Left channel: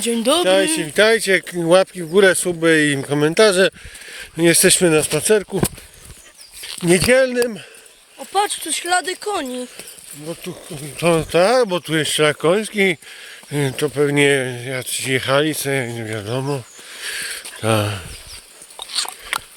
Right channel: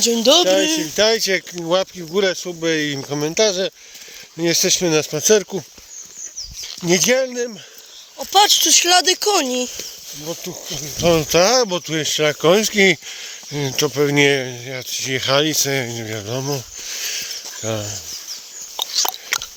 Dzień dobry. Witajcie, witajcie. Łapki w górę, suby i komentarze. Jesteśmy na spacerku niedzielnym. O, patrz, tu ślady koni. Bo tu, to, tak, bo tu jest szlak koński. To pewnie jacyś jechali sobie, nie wiadomo. Tak.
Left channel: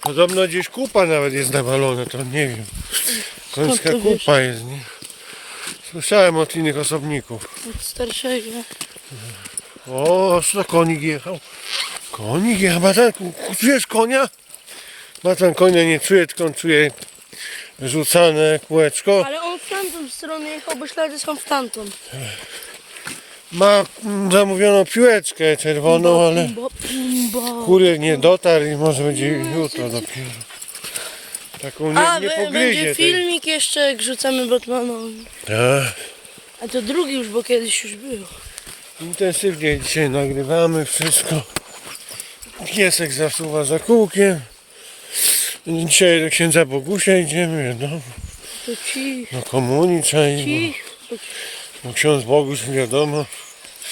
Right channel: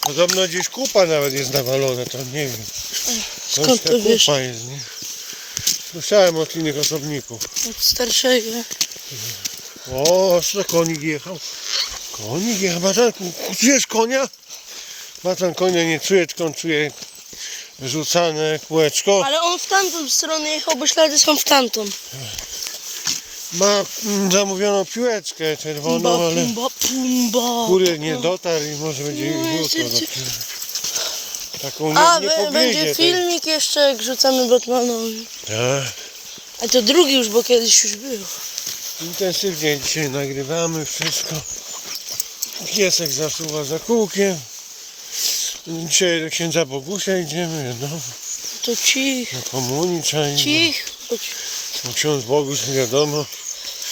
Podobno gdzieś kupa nawet jest nawalona, to nie wiem. To jest to wiesz? kupa jest, nie? Słyszałem od innych osobników. Od starszego. O, co konik jechał? Konik jechał, Matanku, czujesz konia? Matan konia nie czuje, tylko on czuje rzucane kółeczko. Ale on w tamtą stronę jechał, bo ślady są w tamtą. Ma mm, zamówioną piłeczkę czerwoną, ale kurier nie dotarł i może będzie jutro dopiero. Taką nie, A, nie będzie filmik jeszcze, jak rzucamy Batmanowi. Tak. A to drugi już, bo kiedyś już był. Intensywnie dzisiaj nagrywamy wszystko. Piesek zasuwa za kółkiem. Dzisiaj do księdza Bogusia idziemy, no, To cich, na trzeba iść, cich. bo- bo ksiądz Boguś wiadomo,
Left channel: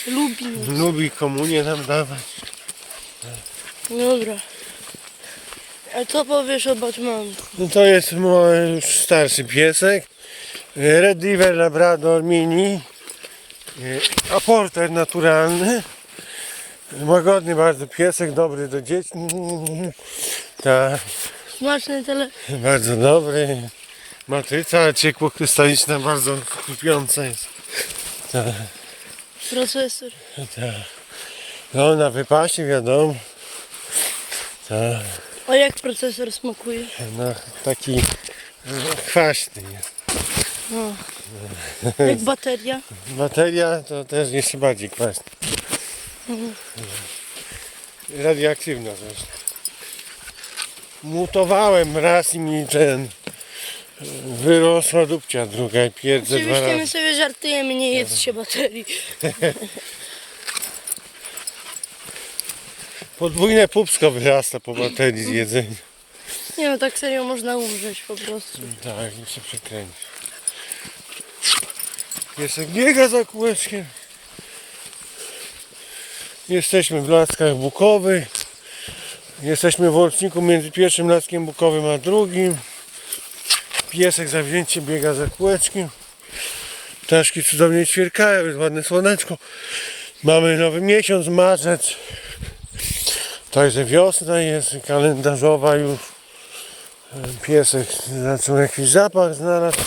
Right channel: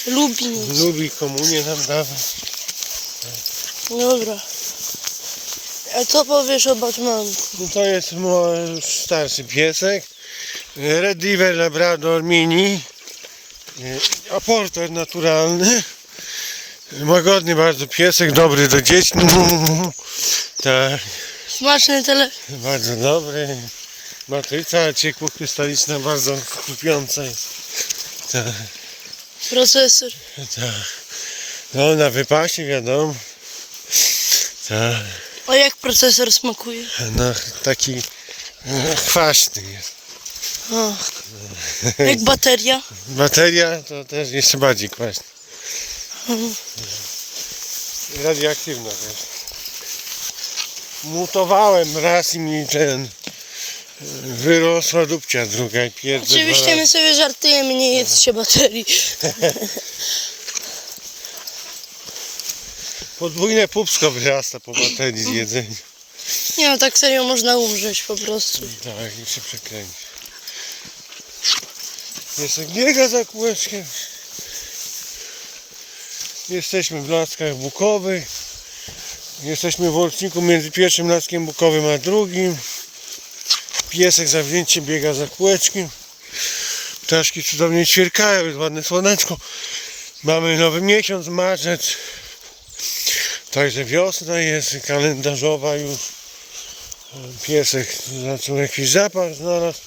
Lubi lubi komunię nam dawać. Dobra. A co powiesz o Batmanu? No to jest mój starszy piesek. Red River Labrador Mini. E, Aporter naturalny. Łagodny bardzo piesek, dobry do dzieci. Tak, Smaczny tele... bardzo dobry. Matryca ciekłokrystaliczna, bardzo kupiąca jest. Tak, procesor. tak. No na wypasie wiadomo. Tak, A jak procesor smakuje? no taki kwaśny jest. O. Jak bateria? Bateria to też jeszcze bardziej kwasna. Radioaktywna też. Mutowałem raz i mi ten wyrosła dupcia druga i pierdzę dwa Oczywiście my sobie żartujemy, nie jest się baterii. Podwójne pupsko wyrasta po baterii z jedzenia. Nie no, tak serio można umrzeć po prostu. Tak, i się przekręci. Piesek biega za kółeczkiem. Jesteśmy w Laskach Bukowych. Jesteśmy w łączniku między pierwszym Laskiem Bukowym a drugim. Piesek zawzięcie biega za kółeczkiem. Ptaszki cudownie ćwierkają, jest ładne słoneczko. Mamy nowy miesiąc, marzec. Także wiosna jest kalendarzowa już. Piesek zaczął jakiś zapach znalazł.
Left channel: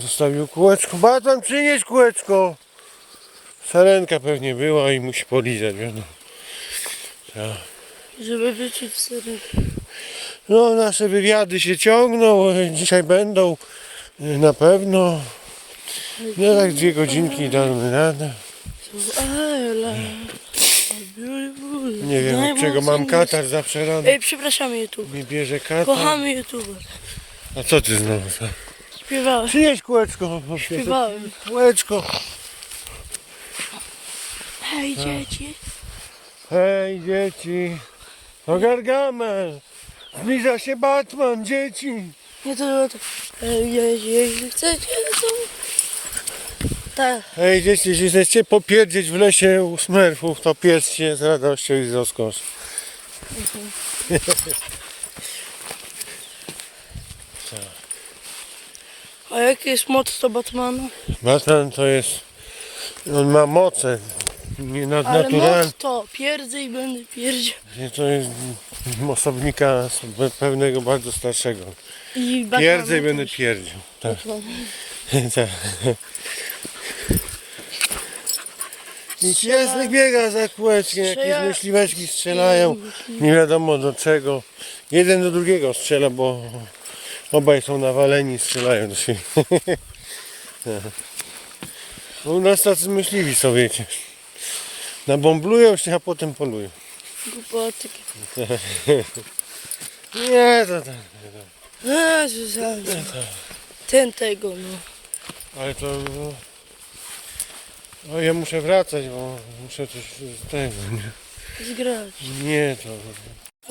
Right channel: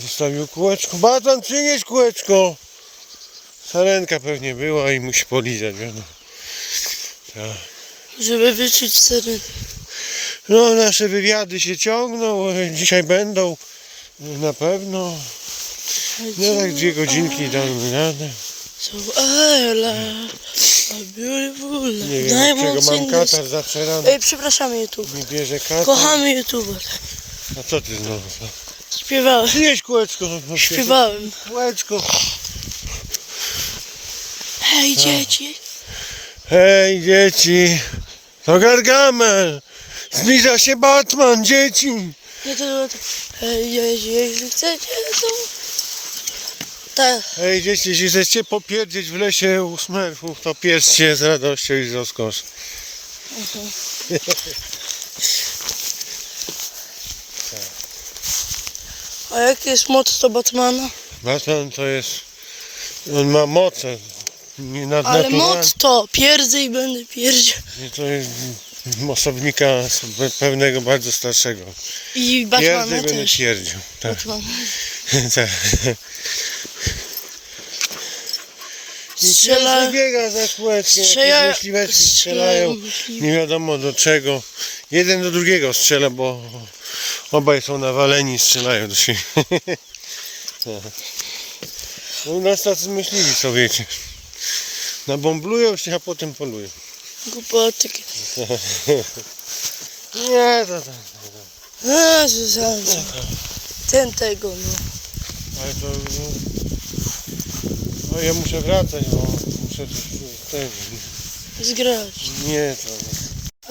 Zostawił kółeczko. Batan, przynieś kółeczko. Sarenka pewnie była i musi polizać, wiadomo. Tak. Żeby wyczuć sery. No, nasze wywiady się ciągną. Dzisiaj będą na pewno. No, tak dwie godzinki damy radę. Nie wiem, od czego mam katar zawsze rano. Ej, przepraszamy YouTube. Mi bierze katar. Kochamy YouTube. A co ty znowu? Śpiewałem. Przynieś kółeczko. no, Śpiewałem. Kółeczko. Hej dzieci. Hej dzieci, to Gargamel. Zbliża się Batman, dzieci. No to było tak. Hej jeśli chcecie to... Tak. Hej dzieci, jeśli chcecie popierdzieć w lesie u smerfów, to pierzcie z radością i z rozkoszą. A jaki jest moc to Batmana? Batman to jest, on ma moce nie Ale moc to pierdzę i będę pierdział. To jest osobnika pewnego bardzo starszego. I Pierdzę Batmana i będę też. pierdził. Tak, Batman. tak. I Strzela- biega za jakieś Strzela- myśliweczki strzelają. strzela- Nie wiadomo do czego. Jeden do drugiego strzela, bo obaj są nawaleni i strzelają do siebie. U nas tacy myśliwi są, wiecie. Nabomblują się, a potem polują. Głupoty. Nie, to tak. Zuzanna. Ten tego, no. Ale to... No, no ja muszę wracać, bo muszę coś z tego. Zgrać. Nie, to...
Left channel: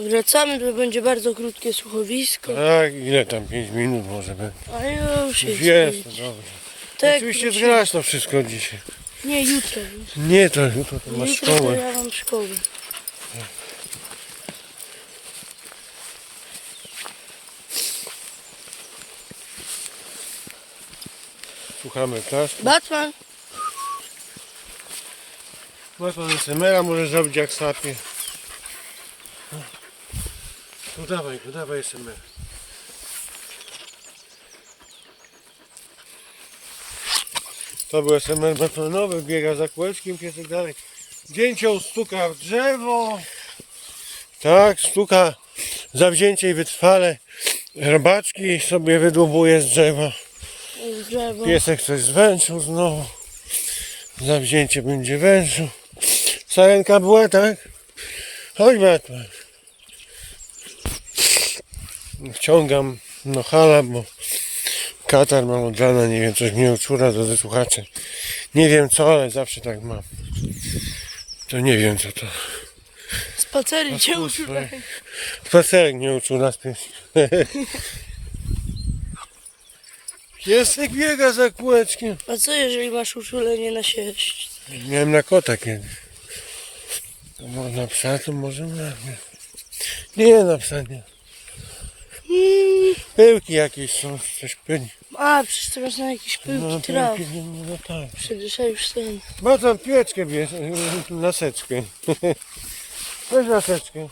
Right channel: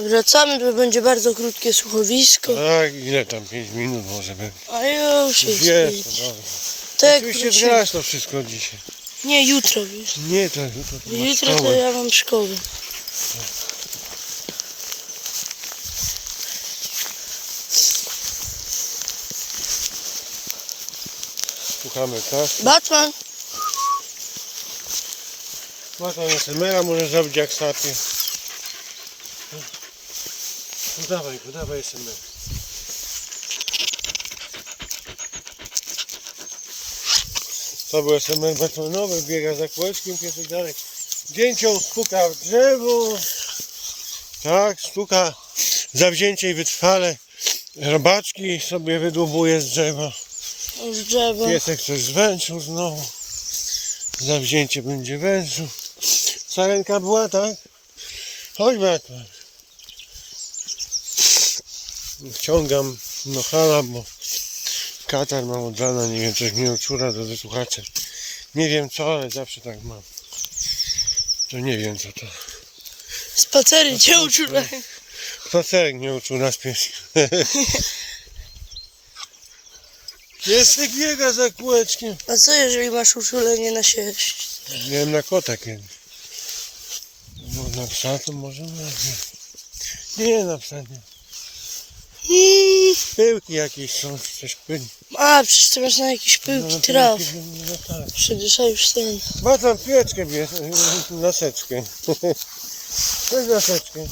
Wracamy, to będzie bardzo krótkie słuchowisko. Tak, ile tam? 5 minut może będzie. A już jest. Jest, pięć. to dobrze. Tak, Oczywiście wrócimy. to wszystko dzisiaj. Nie, jutro wiesz. Nie, to jutro to masz Jutro to szkołę. ja mam szkołę. Słuchamy tak? Batman, Ma pan SMR-a, może zrobić jak sapie. No dawaj, go, dawaj SMR. To był SMR batonowy, biega za kółeczkiem, piesek dalej. Zdjęcią stuka w drzewo. Tak, stuka zawzięcie i wytrwale. Robaczki sobie wydłubuje z drzewa. z drzewa. Piesek coś zwęczył znowu. Zawzięcie będzie wężył. Sarenka była, tak? Chodź Batman. Wciągam no hala, bo katar mam od rana, nie wiem, coś mnie uczula do słuchaczy. Nie wiem co, ale zawsze tak mam. To nie wiem co to. Spacery cię uczulają. Spacerek nie uczył nas pies. Piesek biega za kółeczkiem. A co jeżeli masz uczulenie na sierść? Miałem na kota kiedyś. To Można psa, to może na nie. Nie na psa nie. Pyłki jakieś są, coś pyli. A, przecież ty masz na jakieś pyłki No, traw. pyłki, no tak. Ja już ten. Ma tam pieczkę, bierz, laseczkę. Weź laseczkę.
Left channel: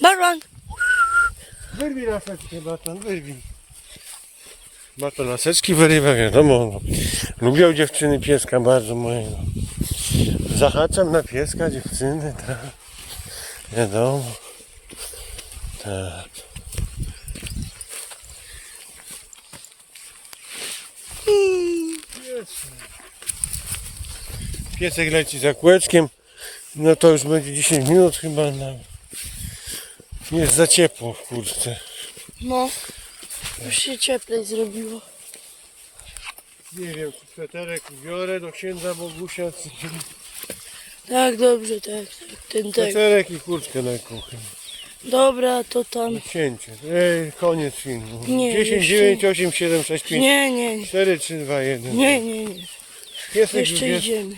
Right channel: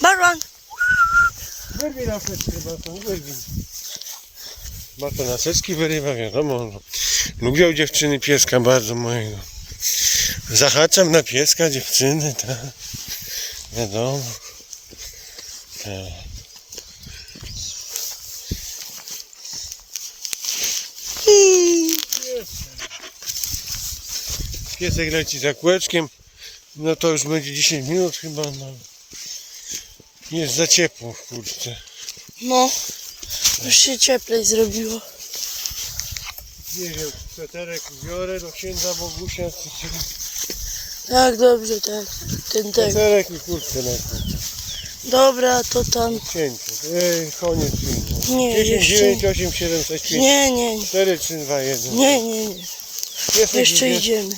Batman! Wyrwij laseczkę, Batan, wyrwij. Batan laseczki wyrywa, wiadomo. No. Lubią dziewczyny pieska bardzo mojego. Zahaczam na pieska dziewczyny, tak. Wiadomo. Tak. Piesek leci za kółeczkiem. No to już będzie 10 minut chyba. No. Jest za ciepło w. No. Już się cieplej zrobiło. Nie wiem, sweterek biorę do księdza Bogusia. Tak, dobrze, tak. Ten tak. Sweterek i kurtkę lekką. Dobra, to tam. Cięcie. Ej, koniec filmu. Nie, 10, jeszcze- 9, 8, 7, 6, 5, Nie, nie, nie. 4, 3, 2, 1. Nie, nie, nie. Jeszcze już idziemy.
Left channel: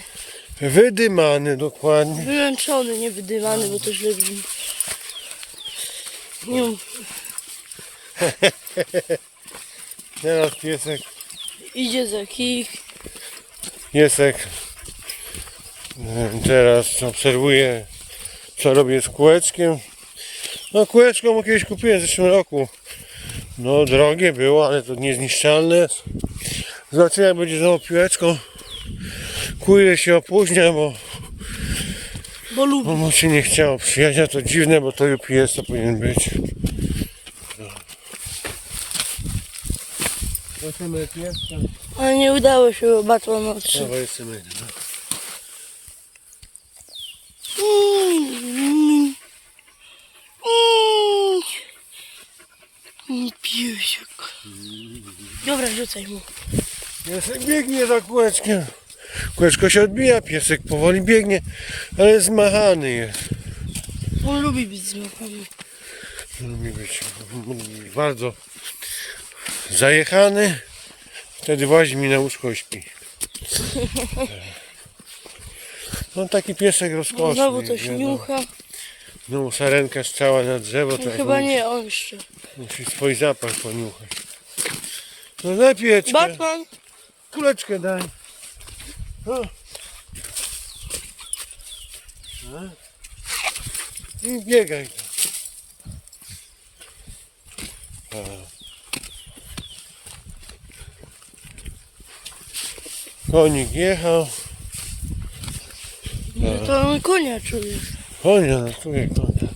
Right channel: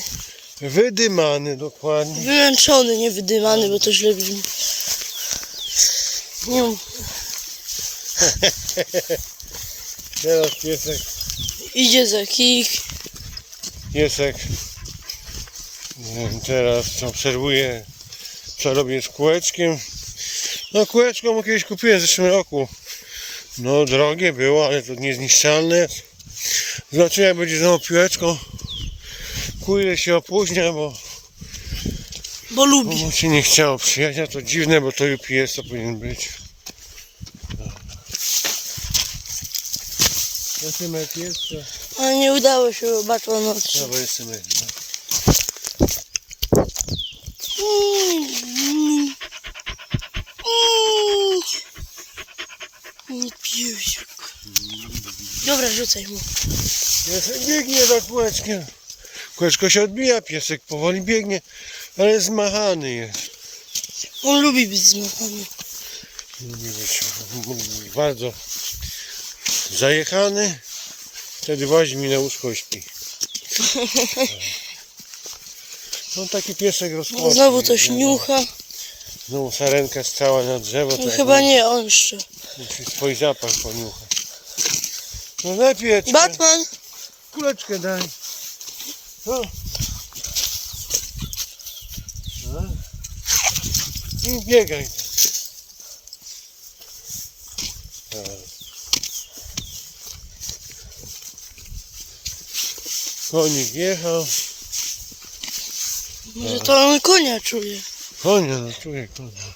wydymany dokładnie. Wyłączony, nie wydymany, bo to źle brzmi. Nie. Teraz piesek, Idzie za kich. piesek e, teraz obserwuje co robię z kółeczkiem. No kółeczko mu kiedyś kupiłem w zeszłym roku. No drogie było, ale to niezniszczalne. Zobaczymy jak będzie znowu piłeczką. Kurde się opóźnia, bo Bo lubi. mu się nie chciało przyjechać, to dziwne, bo to UPS to powinien być. Zobaczymy pierwszy. Ale nie udało się, bo Batman No odszedł. jest. Mm. Nie piusiek. Dobra, rzucaj mu. Piesek biegnie za kółeczkiem. Kółeczko się odbija, piesek powoli biegnie, ale zmachany jest. On lubi być zmachany. Lubi być lubi bardzo zajechany. Wtedy wozi mi na łóżko i śpi. No taki piesek rozkoszny. Znowu coś no. niucha. Znowu sarenka strzała na drzewo. No chyba nie on jeszcze. Musi swój zapach poniuchać. No lepiej. Batman! Kuleczkę daj. O. A. I biegaj. A. Konik jechał. Że to on konia czuje. Konia, no czuję konia.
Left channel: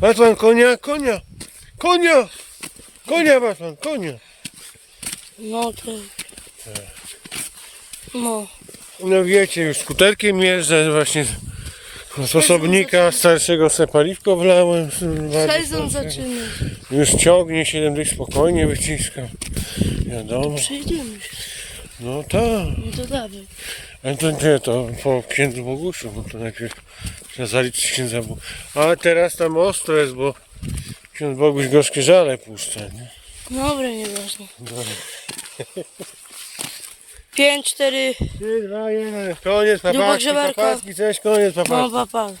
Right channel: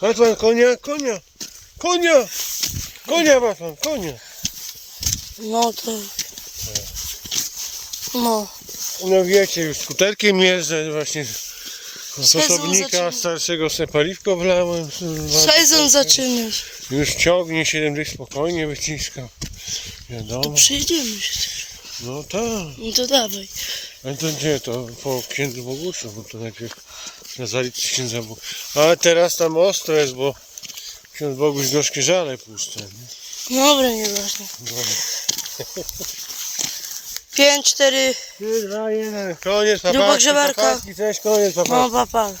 Batman, konia, konia. Konia! Konia, Batman, konia. No to... No. No wiecie, już skuterkiem jeżdżę właśnie z osobnika starszego se paliwko wlałem. Sezon zaczyna się. Już ciągnie 7 dych spokojnie wyciskam. Wiadomo. Przyjdziemy się. No tak. No to dawaj. Ale to nie, to po księdzu Bogusiu, bo to najpierw trzeba zaliczyć księdza Bogu. Ale teraz tam ostro jest, bo ksiądz Boguś gorzkie żale puszcza, nie? Dobra, nieważne. Dobra. 5, 4. 3, 2, 1. Koniec, Grubo papaczki, grzeberka. papaczki, cześć, koniec, papaczki. No papa.